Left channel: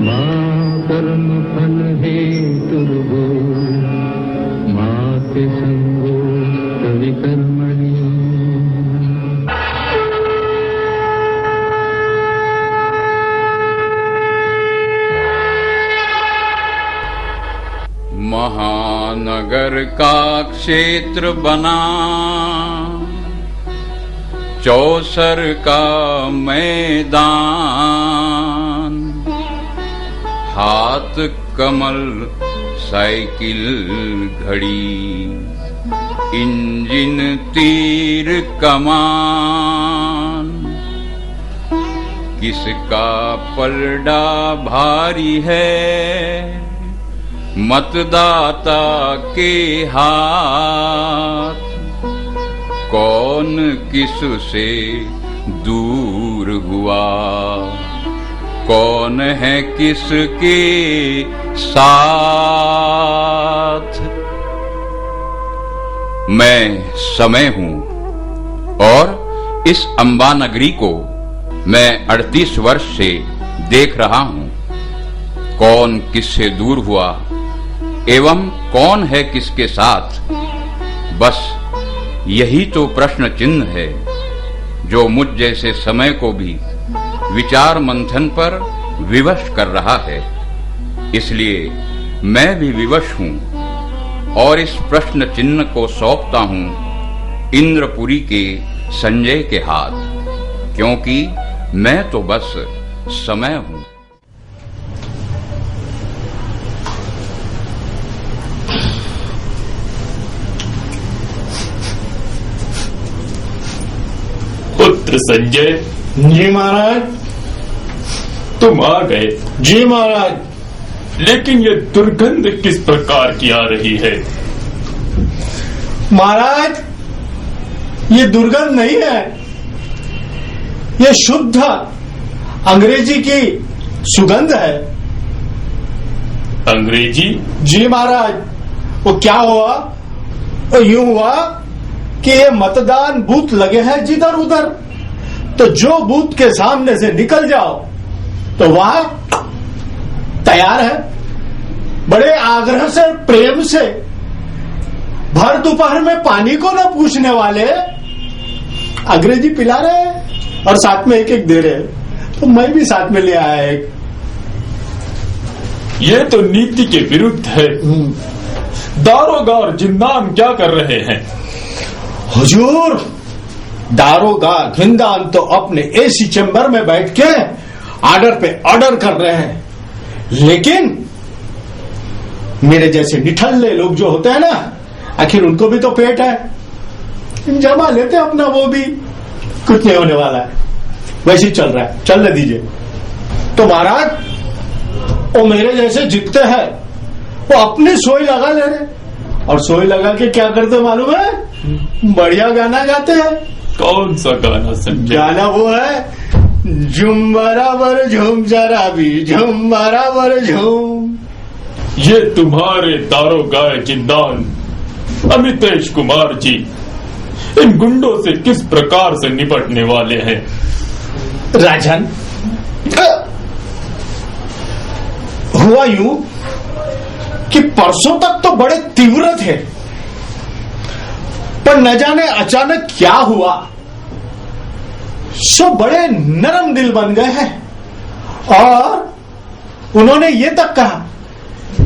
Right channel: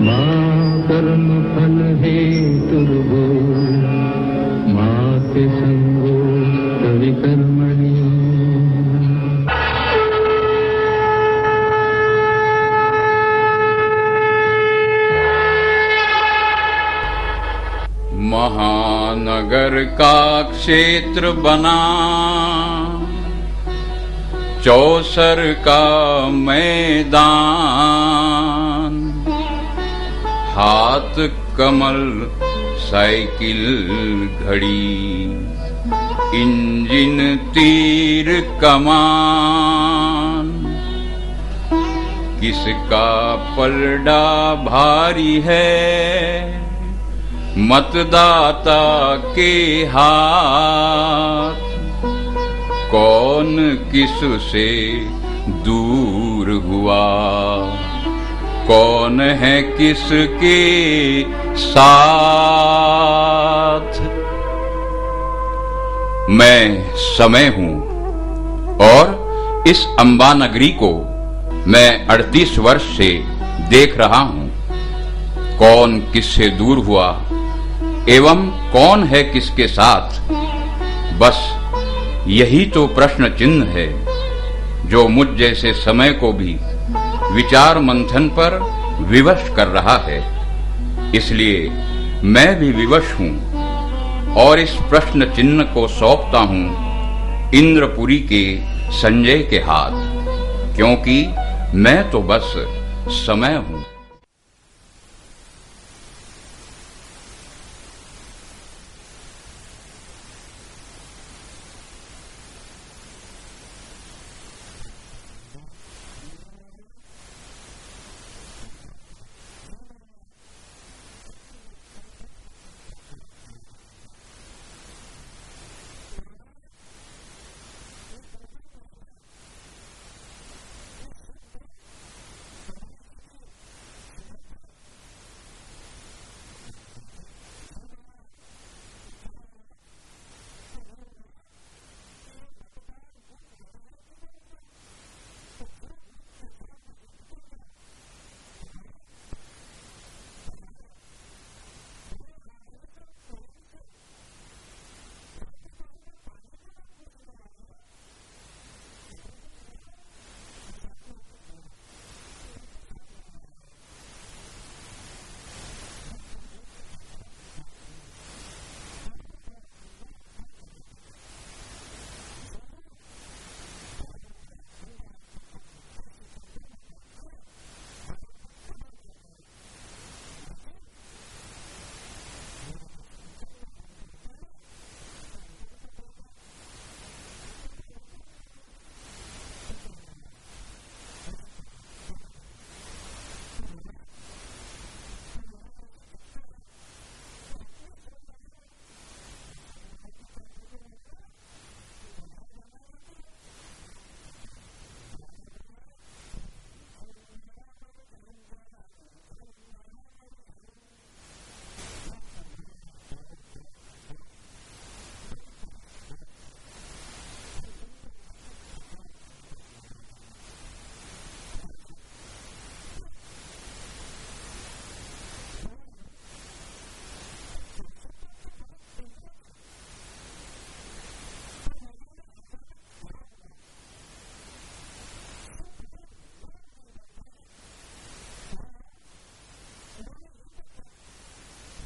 माँ कर्म फल हेतु माते संगो विकर्मणि। महानगर का क्षेत्र बना, चौसर का मैदान, हाथ कमल साइकिल घड़ी, इंजन तीर कमान। किसका पलड़ा भारी है मतदाता के हाथ, कौन किस से दूर हुआ, कौन है किसके साथ। मैं समय हूं और इस अंबा नगरी को मैं 38 वर्ष से देख रहा हूं। कौन किससे दूर हुआ एवं कौन है किसके साथ, बस यही तो प्रश्न चिन्ह है जो मुझ जैसे समय को भी विचार मंथन पर विवश कर रहा है। इसलिए मैं भी विवश हूं और इस प्रश्न चिन्ह को सौंपता हूं इंद्रपुरी के संजय के हाथ, क्योंकि मैं तो बस समय हूं। पुत्र संजय। जी महाराज। तुम आ गए? जी महाराज। लेकिन ये दुर्गंध किस प्रकार की आ रही है? महाराज, ये दुर्गंध नहीं है, ये शुद्ध अंग्रेजी की सुगंध है। अंग्रेजी? जी महाराज। वो क्या हुआ, वो यूं हुआ कि ये मतदान बूथ लगे हैं जिधर उधर, तो जो बूथ के सामने से निकल जाओ तो वहां तैयार है, बड़े आग्रह से प्रेम से, भर दोपहर में पानी को न पूछने वाले अंग्रेजी पिला रहे हैं और साथ में एक एक दे रहे हैं। तो मैं भी साथ में ले आया एक। ये तो नीति के विरुद्ध है। दारोगा और जिंदान क्या कर रहे हैं? हुजूर, दारोगा जिंदान तो अपने एसी चैम्बर में बैठ के ऑर्डर पे ऑर्डर कर रहे हैं, लेकिन मेरे जैसे निठल्ले लोग जो होते हैं ना, आखिर उनको भी तो पेट है, जमा लेते हैं अपना, वो भी कुछ नहीं होने वाला है, वैसे ही चल रहा है, चलने दीजिए। तो महाराज, वो मेरे जैसे जितते हैं वो अपनी सोई लगा ले रहे, और सोई लगा के क्या करते मालूम है? बढ़िया गाना गाते हैं। कौन सा गाना संजय? गाना वो है, झूम बराबर झूम जरा भी झूम बराबर झूम। ये तुम्हारे दारोगा जिंदान अमितेश कुमार जी इन गुंडों से किस प्रकार से निपटने वाले हैं? राजन, हुआ यूं कि परसों तक तो बड़े तीव्र थे, पर न जाने अचानक क्या हुआ, सो बड़े नरम दिल बन गए हैं, और उन्होंने ये तक कहा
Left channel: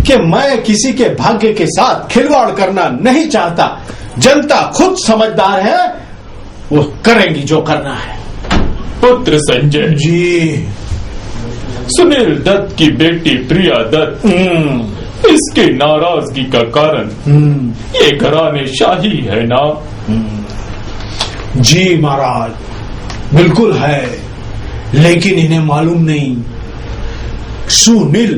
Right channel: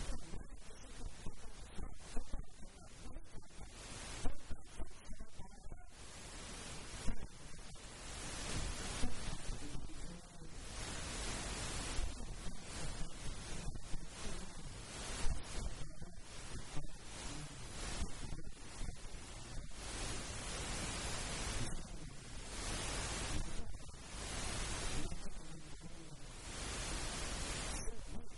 कि मैं किसी के भाग्य के साथ खिलवाड़ करना नहीं चाहता, जनता खुद समझदार है, वो करेंगी जो करना है। पुत्र संजय जी। सुनील दत्त की बेटी प्रिया दत्त, इसके नाराजगी का कारण ये घराने शाही है ना? जी महाराज, बिल्कुल है, लेकिन इन्हें मालूम नहीं, सुनील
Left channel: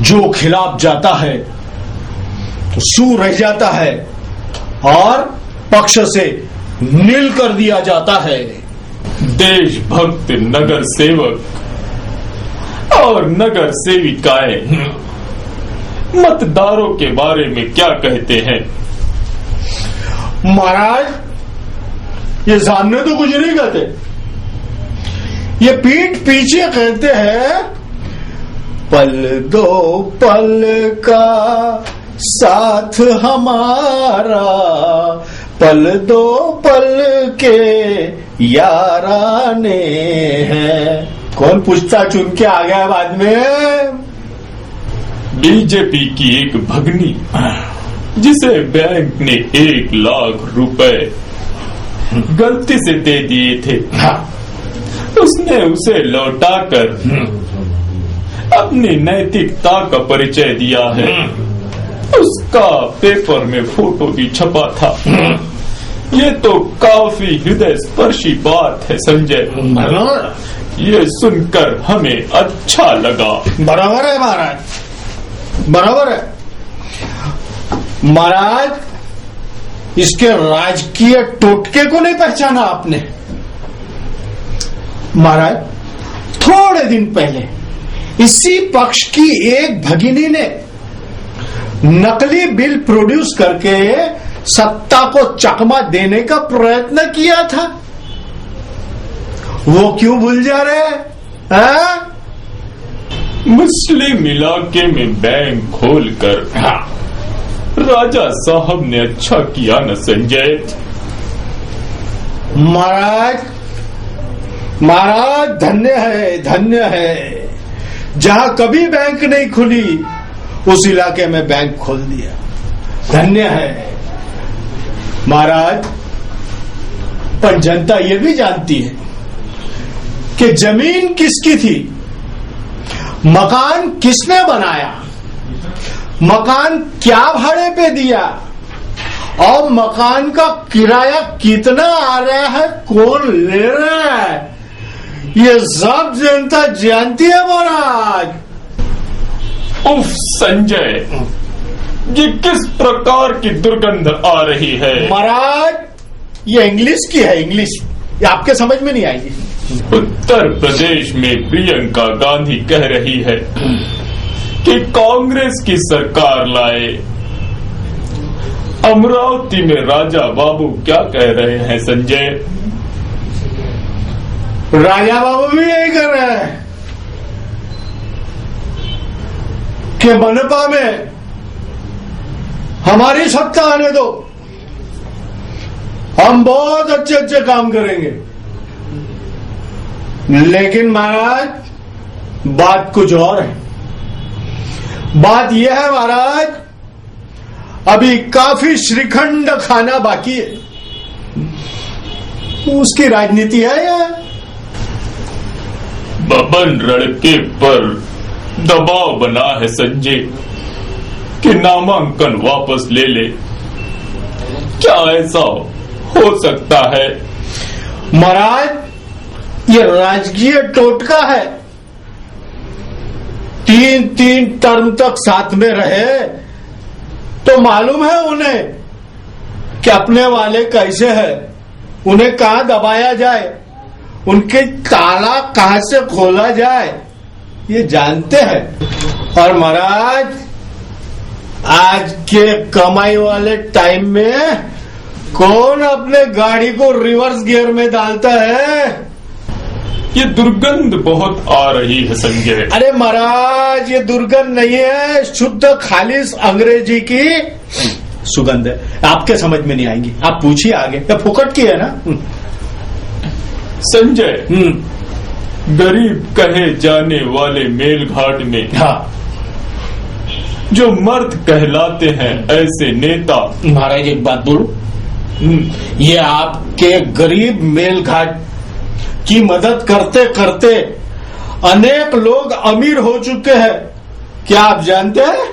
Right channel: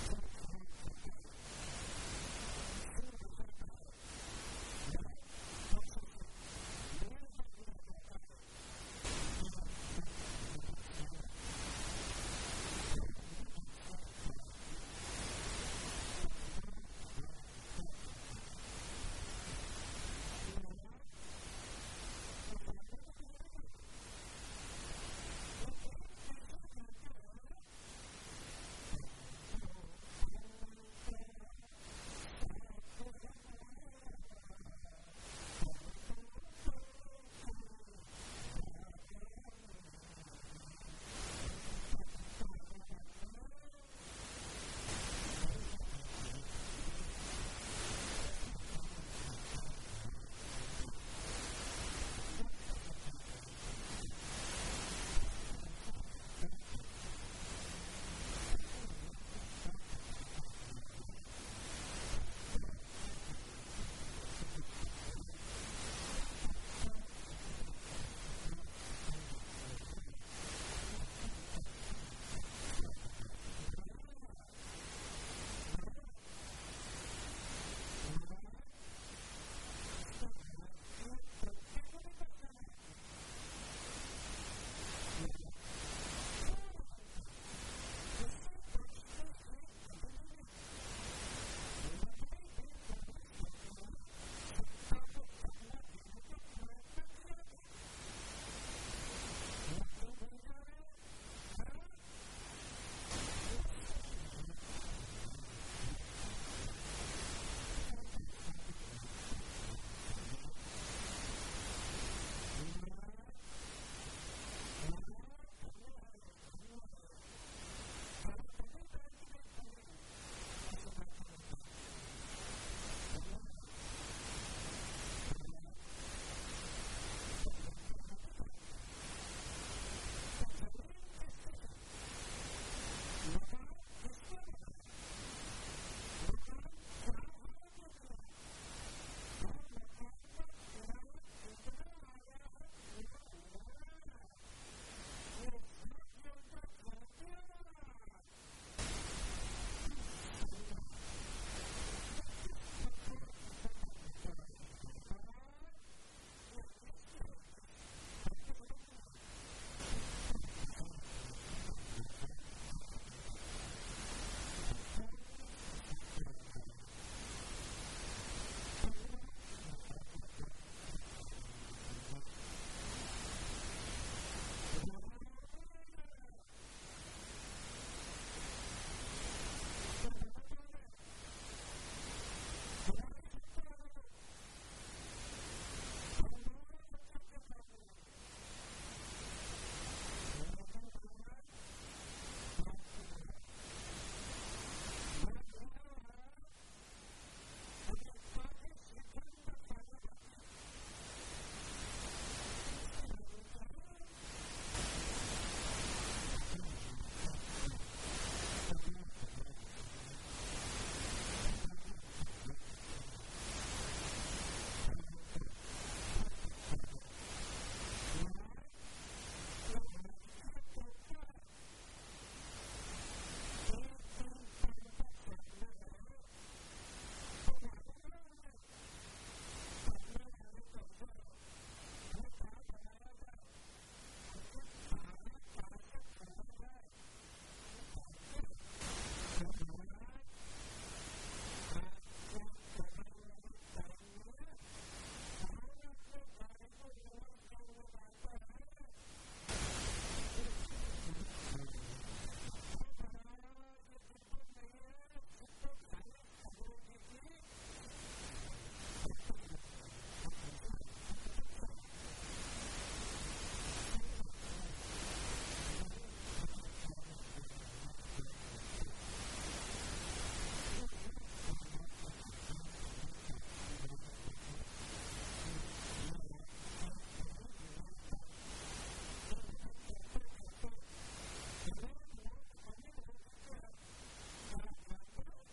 जो खिलाफ जाता है तो सू रह जाता है और पक्ष से नील कर दिया जाता है। देशभक्त नगर सेवक और नगर सेविकाएं मतदारों के बारे में क्या कहते हैं? महाराज, ये सामने तो कुछ नहीं कहते, ये पीठ पीछे कहते हैं पल दो पल का साथ हमारा, पल दो पल के याराने हैं। कौन पूछता चुन के आ गया बाद में? बीजेपी की एक भगनी जिसे बैंक ने 1 लाख रुपए गलती से दे दिए थे, उसने उसे लौटाकर अपनी नैतिकता का परिचय दिया है। उसका पेपर में फोटो भी छपा था। ये तो काफी हृदय स्पर्शी बात है संजय, ये सुनकर हमें अच्छा लगा। बराबर है महाराज, बराबर है महाराज। इसके राजकीय टोटके को नहीं पहचाना आपने महाराज। थोड़े दिन पहले इसी पक्ष की एक भगिनी ने नकली बिल प्रोड्यूस करके सत्ता को चकमा देने का प्रयत्न किया था। वो क्यों भूल जा रहे हैं? मुस्लिम इलाके में बैंक खोलकर राजा साहब ने अच्छा किया न संजय। महाराज, महाराज धन्य है, धन्य है। जहां कभी बैंक नहीं खुली उस इलाके में बैंक खोल दिया, धन्य है महाराज। पर जनता ये भी जानती है कि जमीन किसकी थी, मकान किसने बनाया, मकान क्या भाड़े पे दिया और मकान का किराया कितना आ रहा है, कौन ले रहा है, ये सब जनता जानती है महाराज। उफ संजय, ये किस प्रकार की दुर्गंध आ रही है? महाराज ये इंग्लिश की है, इंग्लिश, ये आपके समझ में नहीं आएगी। उत्तर प्रदेश में प्रियंका गांधी कह रही है कि कांग्रेस की सरकार लाए। अमरावती में राजा बाबू क्या कह रहे हैं संजय? राजा बाबू भी यही कर रहे हैं कि मनपा में हमारी सत्ता आने दो, हम बहुत अच्छे अच्छे काम करेंगे। लेकिन महाराज बात कुछ और है। बात यह है महाराज, अभी काफी श्रीखंड खाना बाकी है, उसकी राजनीति है यह। बबन लड़के पर दबाव बना है संजय कि नामांकन वापस ले ले। क्या ऐसा हो सकता है? महाराज ये राजकीय टोटका है। 3 टर्म तक साथ में रहे तो मालूम है उन्हें कि अपने वाले कैसे है, उन्हें कहां दबाया जाए, उनके ताला कहां से खोला जाए, ये जानते हैं। और महाराज आज के कमाई वाले टाइम में कौन अपने गाड़ी को रिवर्स गियर में डालता है? ये दुर्गंध बहुत आ रही है संजय। अरे महाराज ये दुर्गंध नहीं है, शुद्ध खालिश अंग्रेजी की सुगंध है। आपके समझ में नहीं आएंगी, आप पूछिए आगे। ये फुकट की है ना संजय। गरीब कहे जाने वाले मेलघाट में जो मर्द कहलाते हैं ऐसे नेता। महाराज एक बात बोलूं, ये आपके गरीब मेलघाट की मदद करते करते अनेक लोग अमीर हो चुके हैं, क्या आप जानते हैं?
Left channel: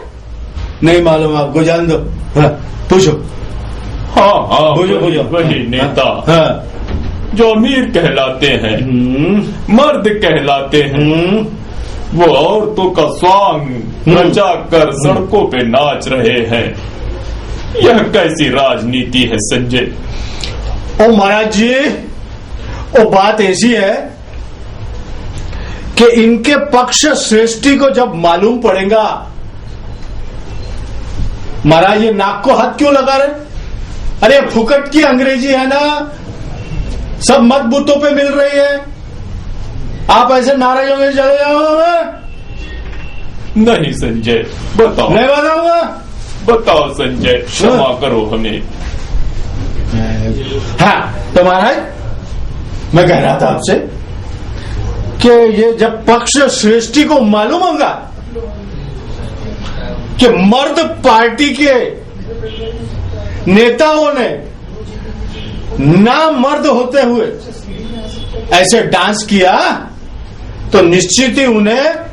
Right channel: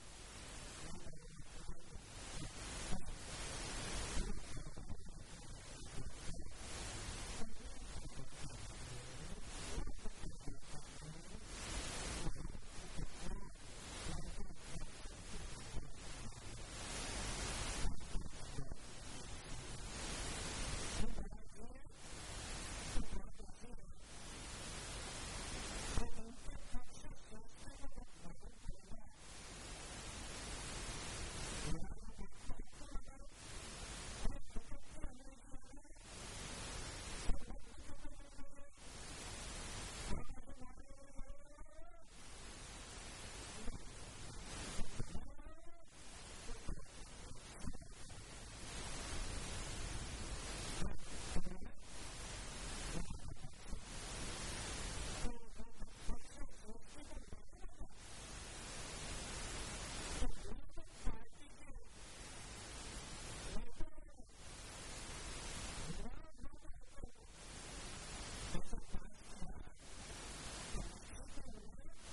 नहीं मालूम आपको? जान दो, पूछो। हाँ पूछो। वही नेता जो अमीर कहलाते हैं, मर्द कहलाते हैं, वो औरतों का स्वांग रचा कर सड़कों पे नाच रहे हैं। यह कैसी राजनीति है संजय? ओ महाराज जी, वो बात ऐसी है कि इनके पक्ष श्रेष्ठी को जब मालूम पड़ेगा, महाराज ये नाक को हाथ क्यों लगा रहे? अरे फुकट की अंग्रेजी है ना, सब मत बूथों पे मिल रही है। आप ऐसे नाराज होंगे चले जाओगे? नहीं संजय, बताओ। नहीं बताऊंगा। बताओ संजय, क्षमा करो हमें। हाँ तो महाराज, मैं कह रहा था आपसे कि ये जब पक्ष श्रेष्ठी को मालूम होगा कि मर्द पार्टी के नेताओं ने ना मर्द होते हुए ऐसे डांस किया, तो निश्चित ही उन्हें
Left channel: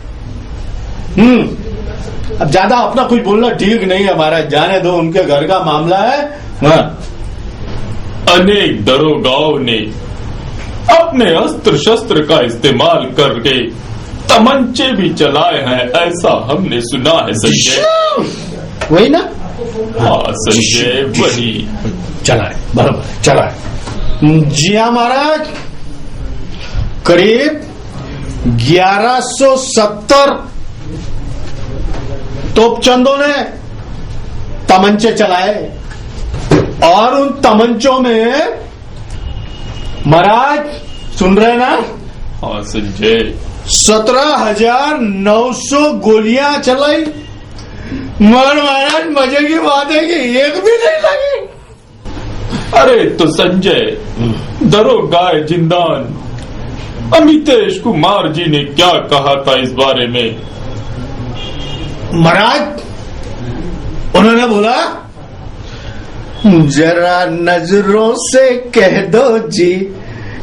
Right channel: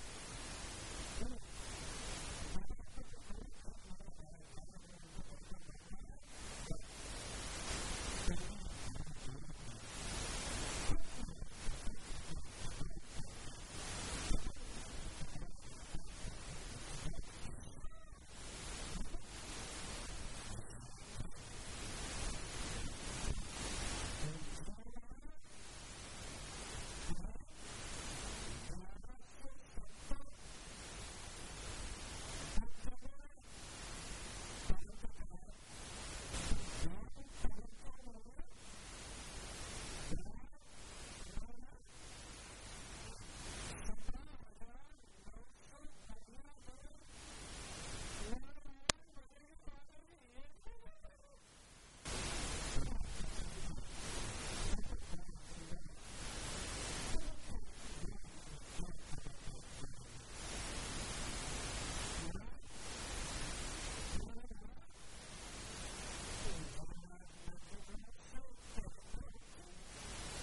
अब ज्यादा अपना कुछ बोलना ठीक नहीं है महाराज, जाने दो, उनके घर का मामला है। हाँ। अनेक दरोगाओं ने अपने अस्त्र शस्त्र का इस्तेमाल करके तमंचे भी चलाए हैं, ऐसा हमने सुना है संजय। वही ना? हाँ संजय, वही चलाए, बराबर चलाए। जी हाँ महाराज, करीब 1170 तोपचंदों ने तमंचे चलाए, और उन तमंचों में महाराज सुन रहे ना? हाँ संजय। 17,900 गोलियां चलाई, मगर महाराज मजे की बात है कि एक भी नहीं लगी। अरे तो संजय, दरोगा जिंदान अमितेश कुमार जी ने क्या कहा था इस बारे में? महाराज उन्होंने बोला, जरा नजरों से कह दो जी,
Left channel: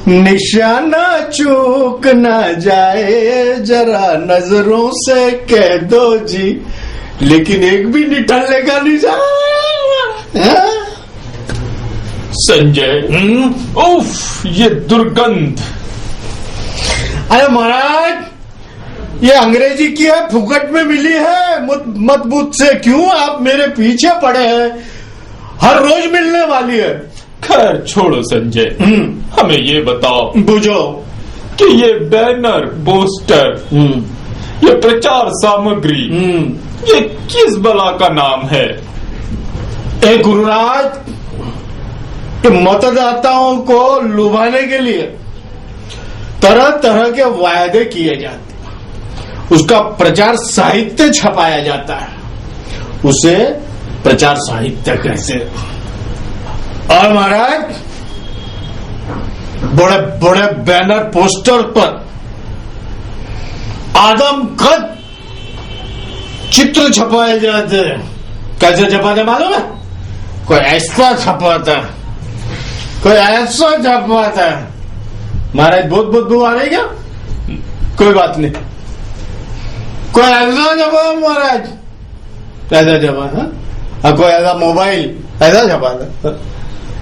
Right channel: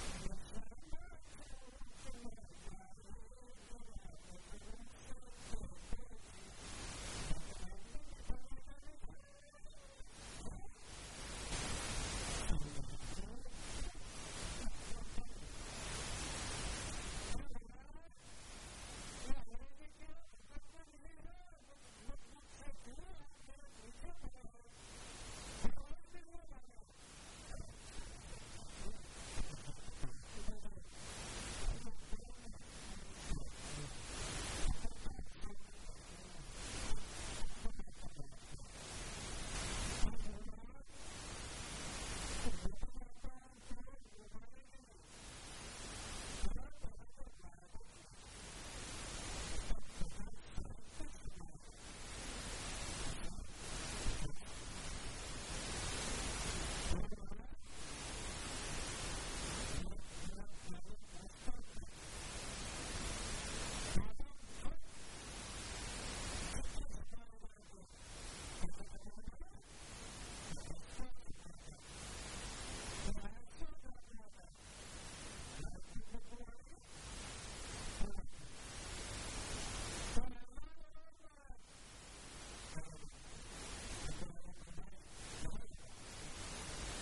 निशाना चूक ना जाए, जरा नजरों से कह दो जी, लेकिन एक भी निठल्ले का निशान। संजय, उफ, ये दुर्गंध। अरे महाराज, ये अंग्रेजी की है, फुकट में मिली है, मत बूथ से क्यों आप मेरे पीछे पड़े हैं, हर रोज मिलने वाली है। खैर छोड़ो संजय, हमें ये बताओ बुझो कि ये बैनर, पोस्टर, ये प्रचार सामग्री, ये किस बला का नाम है? एक गुरुराज के मतदाताओं को लुभाने के लिए तरह तरह के वायदे किए जाते, उसका प्रचार साहित्य छपाया जाता है, उसे प्रचार साहित्य कहते। और महाराज बड़े बड़े बैनर पोस्टर पर आदमकद चित्र छपाए जाते हैं। कैसे छपाते मालूम है? कोई ऐसा छपाता, कोई ऐसा छपाता। महाराज बहुत बदबू आ रही क्या? कोई बात नहीं, कोई ऐसा छपा महाराज, ऐसा छपा है, कोई ऐसा मोबाइल ऐसा छपा था,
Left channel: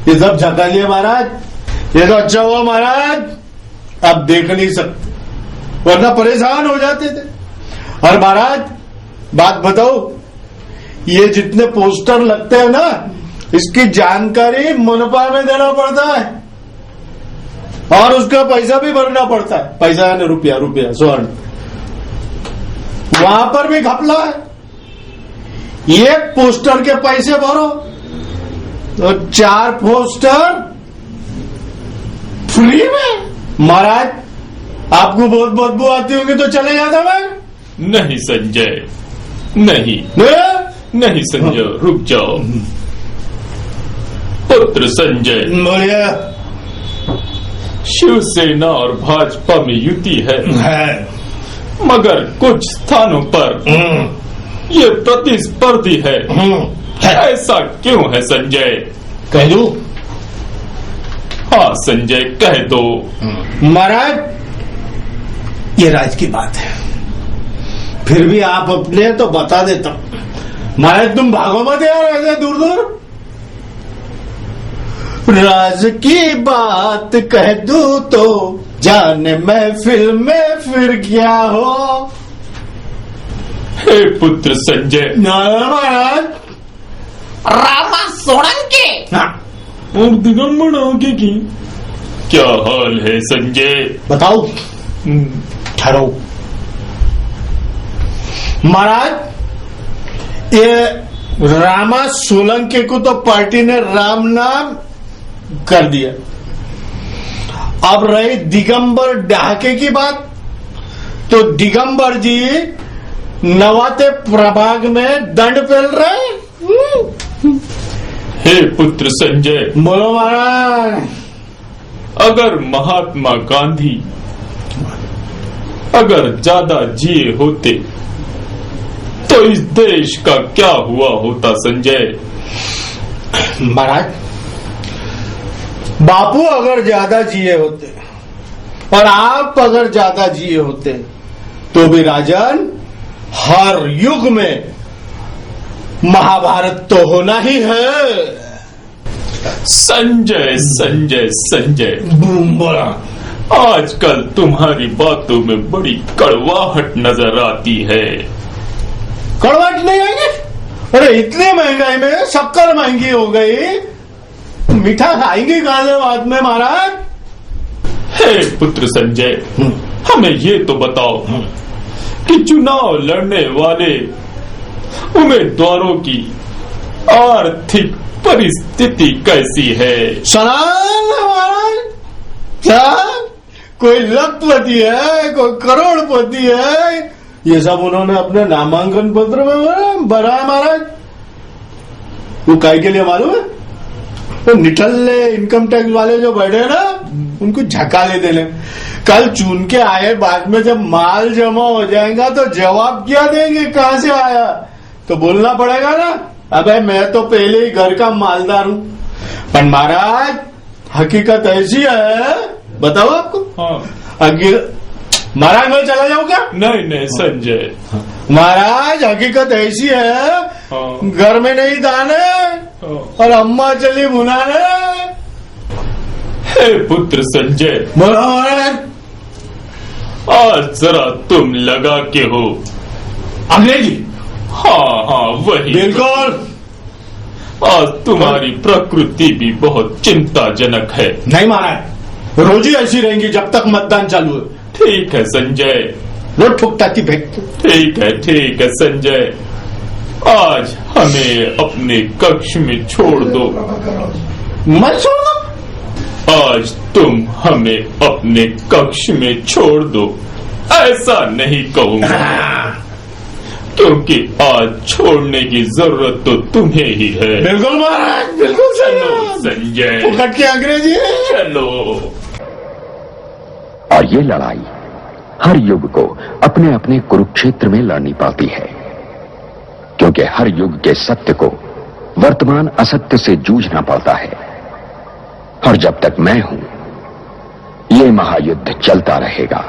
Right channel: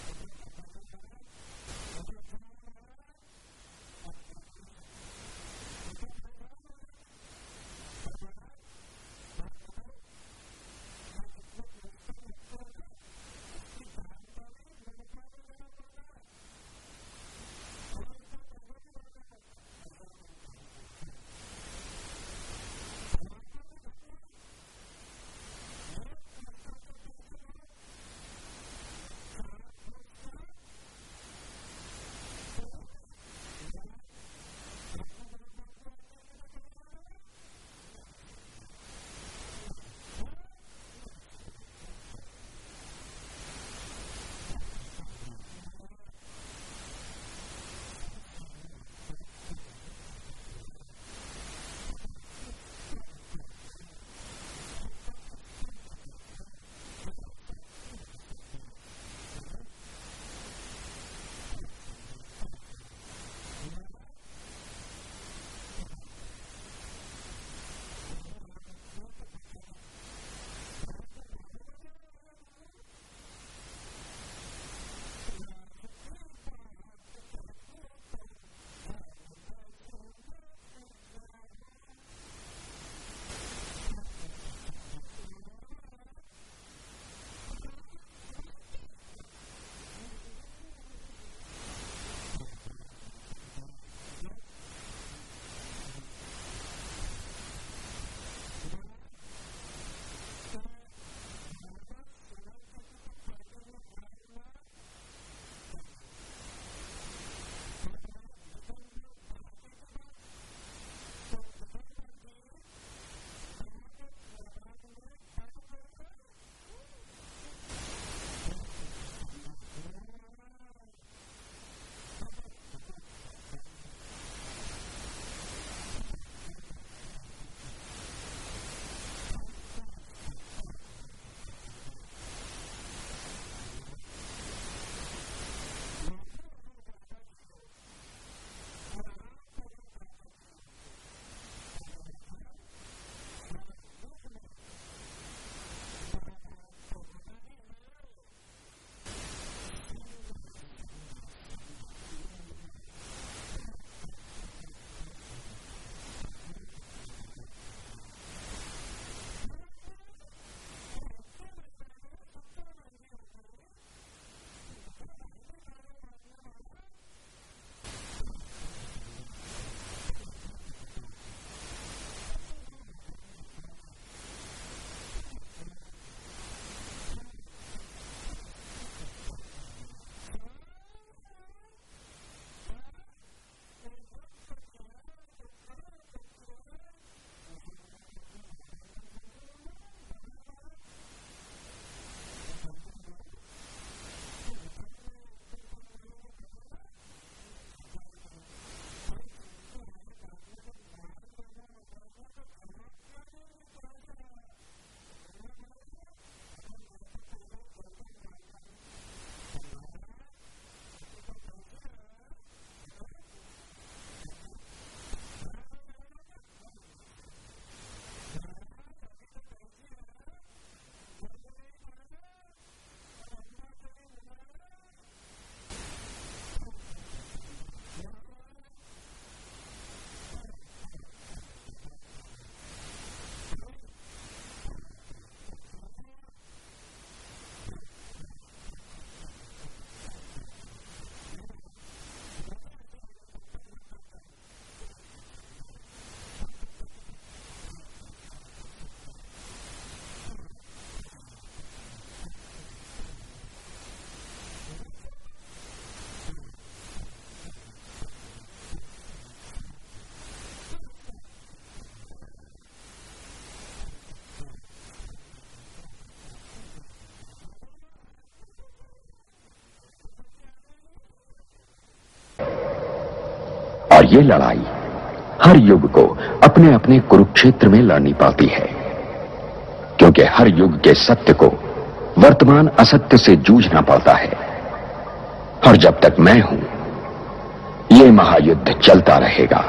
ये सब छपा लिए महाराज। ये तो अच्छा हुआ महाराज आप देख नहीं सकते, वरना परेशान हो जाते थे। और महाराज बात बताओ, ये जितने पोस्टर लगते हैं ना, इसकी जानकारी मुनपा में देना पड़ता है, और उसका पैसा भी भरना पड़ता है। पैसा है ना, रुपया, स्वर्ण, वहां पर भी घपला है। एक पोस्टर के पैसे भरो तो 4 पोस्टर फ्री में। महाराज आपको बहुत बदबू आती होगी तो चले जाता मैं। नहीं संजय, नहीं नहीं संजय, रुक जाओ। पुत्र संजय, बोलिए। शिवसेना और भाजपा में युति है, मगर कुछ स्थानों पर ये प्रतिस्पर्धी है। ऐसा क्यों है संजय? कह दो? हाँ संजय, कह दो। महाराज ये राज की बात है, फिर भी आप अपने तो बता देता हूं। महाराज तुम भागो मत यार ऐसे दूर दूर। राज की बात कह दूं तो जाने महफिल में फिर क्या हो। हे पुत्र संजय। महाराज रामा सोलंकी। हाँ और दिगंबर आगे की क्या हाल है संजय? बताओ। ठहरो महाराज, ये रामा सोलंकी को तो पार्टी ने राम नाम कर दिया, अब रही दिगंबर डहाके की बात, तो दिगंबर जी नवाते प्रभाग में दंड पेल रहे। हे पुत्र संजय, बोलो महाराज। अगर महात्मा गांधी अगर ज्यादा जिए होते तो इस देश का क्या हुआ होता संजय? महाराज, बापू अगर ज्यादा जिए होते और आप अगर ज्यादा जिए होते तो भी राजन हर युग में महाभारत तो होना ही है। संजय संजय संजय, बोला। आजकल तुम्हारी बातों में बड़ी कड़वाहट नजर आती है। कड़वाहट नहीं आएगी? अरे इतनी महंगाई में शक्कर महंगी हो गई, मीठा खाएंगे कहां बाद में महाराज? हे पुत्र संजय, हमें ये तो बताओ कि चुनाव लड़ने वाले उम्मीदवारों की आर्थिक परिस्थिति कैसी है? सलाम महाराज, साहब, कोई लखपति है, कोई करोड़पति है, ये सब उन्होंने अपने नामांकन पत्र में भरा है महाराज। वो काय के लिए मालूम है? वो निठल्ले इनकम टैक्स वाले जो बैठे हैं ना, उनको झकाले देने। कल चुन के आए, बाद में जब माल जमा हो जाएगा तो जवाब क्या देंगे, कहां से आया? तो बोलना पड़ेगा ना, अबे मैं तो पहले ही घर का मालदार हूं। पर महाराज हकीकत ऐसी है, बताओ आपको। हाँ। महाराज मैं चला जाऊं क्या? नहीं नहीं संजय, महाराज हकीकत ऐसी है, हाँ। घर में नहीं दाने हाँ। और अम्मा चली भुनाने। हे पुत्र संजय, महाराज आज जरा तुम लगा के हो। अंग्रेजी? हाँ हाँ वही। बिल्कुल। आज तुम्हारी प्रकृति भी बहुत चिंताजनक है। नहीं महाराज, रोज ही ऐसी रहेंगी जब तक मतदान चालू है। ठीक है संजय, वो ठुकताती फेंक। ठीक है संजय, आज हमें अपने कक्ष में छोड़ दो। मैं छोड़ दो? आज तुम हमें अपने कक्ष में छोड़ दो, ऐसा नहीं कहूंगा, क्योंकि आज छोड़ने की जरूरत तो तुम्हें ही है। बिल्कुल महाराज, बिल्कुल चलो संजय, फुकट की अंग्रेजी। चलो। और ये लड़ाई हर युग को अपने अपने कुरुक्षेत्र में लड़नी पड़ती है, क्योंकि हर युग के सत्य को वर्तमान असत्य से जूझना पड़ता है। और जब तक मैं हूं, ये महायुद्ध चलता रहेगा।